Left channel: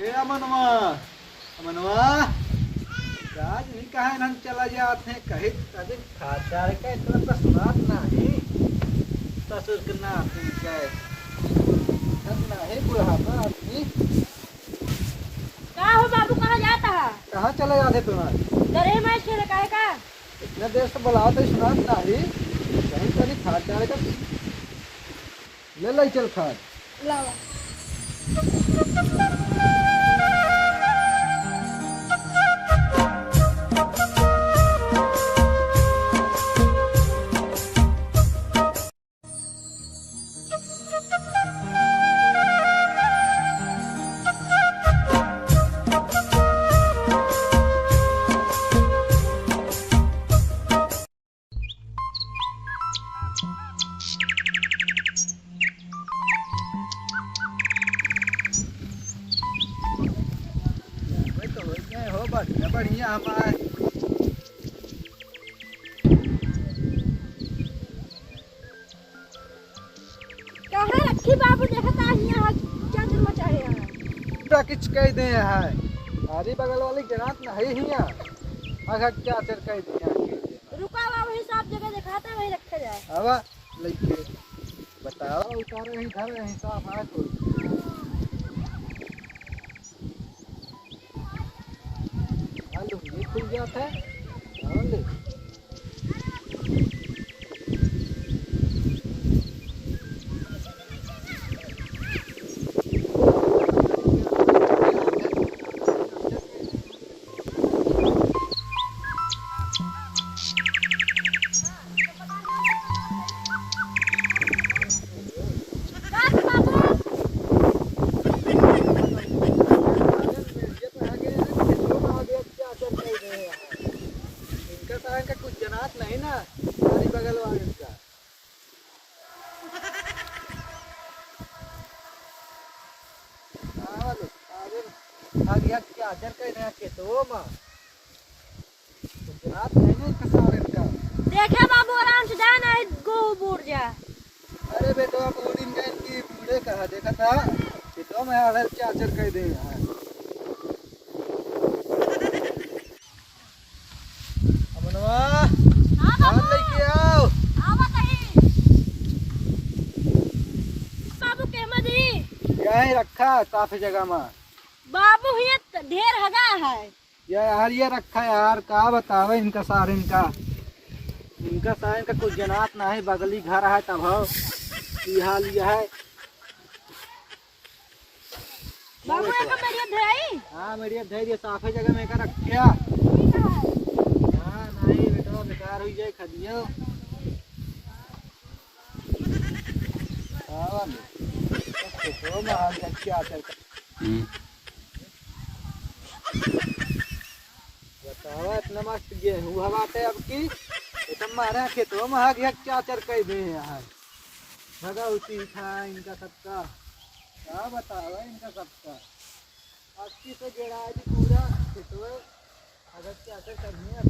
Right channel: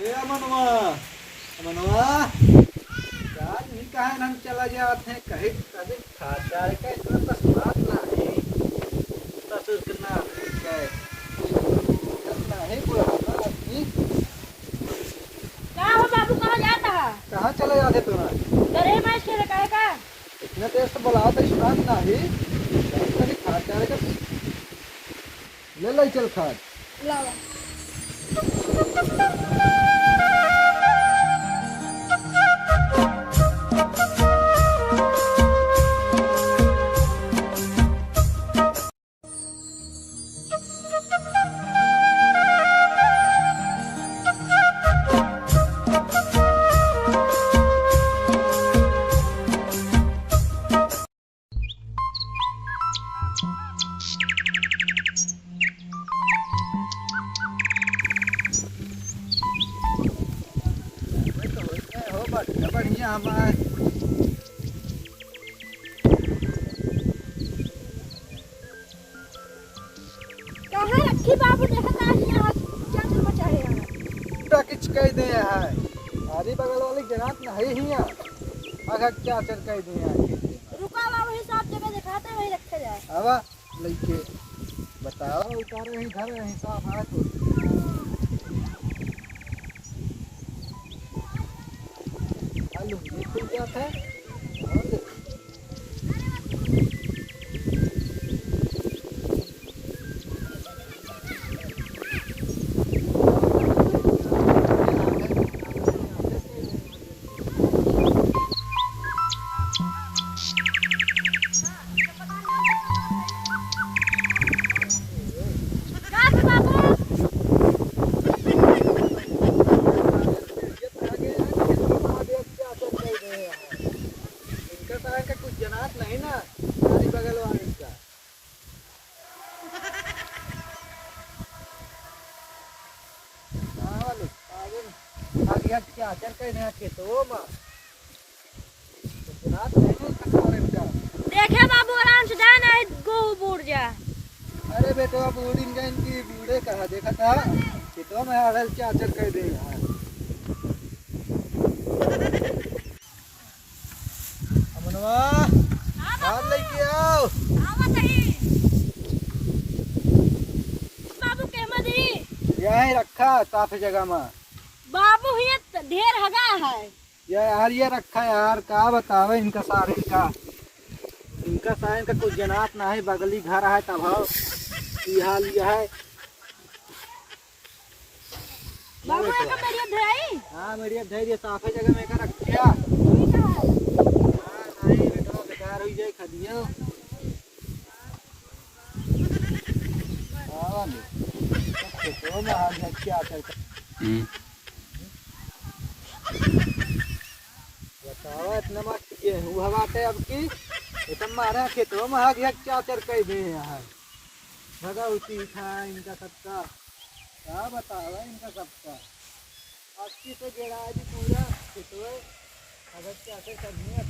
ए अमनवा अमनवा आज नहीं कहे हम चला जाते हैं कहीं कभी खाता है क्या इतना तो स्वाद नहीं ससुर के ना क्या है नहीं बुढ़ापा आदमी कहाँ हो बाबू? कहाँ जाता है? कहाँ चले जाते तुम्हारे डरे मैच खेले का है का? इतने देर से बुलाओ तो स्वाद नहीं कभी खाता है तो ले ले चल खा लावा हो बढ़िया बढ़िया हमारे कहाँ रखी बाबू? देखा था यहाँ क्या मचा है यहाँ? पूरा किच कह दे है हरी बगल वाली गिरात नहीं हिया अगर क्या चल कह दे रुका बाबू, हिसाब जगह दिखाता वही रखे जाए। हवा लेके बताओ उतारे नहीं घर हिसाब है तो आलू ये खुल जाता है और ले का कुछ जनात नहीं ना हरी बगल वाले का वाले आगे क्या चल कह रहे हैं तो मां कुछ जनात नहीं ना इसका सारे का देखे बाबू, आराम से जाना है, गो बूढ़ जा। अरे बेटा बूढ़ी का इनकी बूढ़े कहा देखा था कि तो मैं अगर क्या चल कह दे यार अमनवा हाथ लेके आओ बाबू के मदी यहीं रखा काफी जगह में बाबू ही ढेर हगा है। यार ये रखा यार क्या बतावे इनका सारे इनका सारे का कुछ जनात ना है बगली घर है तब ये हाल ये है बाबू का मेरी धराई हाँ मेरी धैर्य साफे जगह में का रखा ठीक है। हाँ नहीं बेटा बेकार हो जाए खदियो हाँ वाले तो महान क्या चल बताओ इतना मस्त गेहूँ हवाते अब की तो मारा खेतों में हग हग क्या चर कह दे यार भगवती था इनका सबका क्या बताओ इनका सबका अस्सी से गिरा दी पूरा खेतों अगर क्या करनी है